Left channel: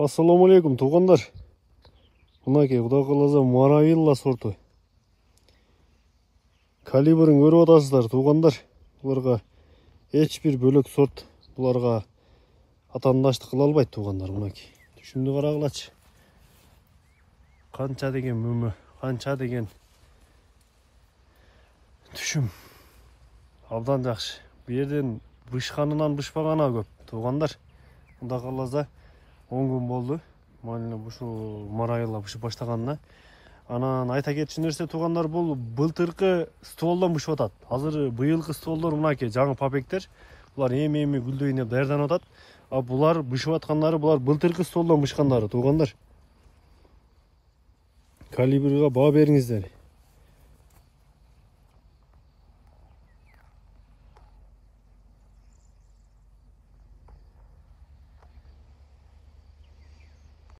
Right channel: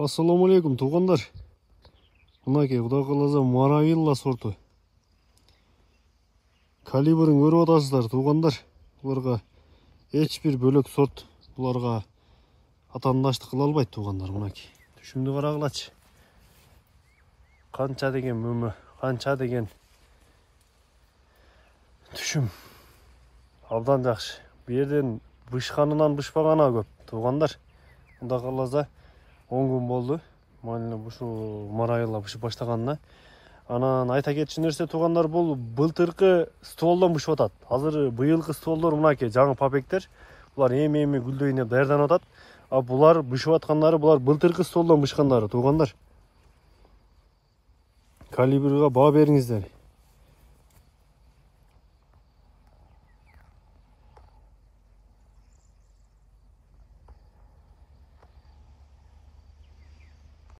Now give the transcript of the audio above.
Ассаламу алейкум, туғандар. Мынакей, Құда қаласа Маравилла сорты. Калибрін көріп отырсыздар, туғандар. Бұларға ешбір бөлек сорт. Бұларға атандаштық қыла албайды, туғандар. Мынакей. Түшімді қарағылачы. Қанша деген мүмі, қанша деген түшім. Абдан жақсы. Берден бұшқанынан бұшпағана көп, туғандар. Құда қаласа 10 күн болды. Маравилла бұшып баштағанына. Анан айта кетчү нерсе туғандар, бұл былтыркы стволдан бұшып атат. Азыр быйылкы стволдар мынакей жаңы папектер. Бұлар эми гүлдөйүнө даярданып атат. А бұлар бұшып аткандары, бұлар былтыркы стволдан бұшкандары, туғандар. Калибрга баа бериңиздер.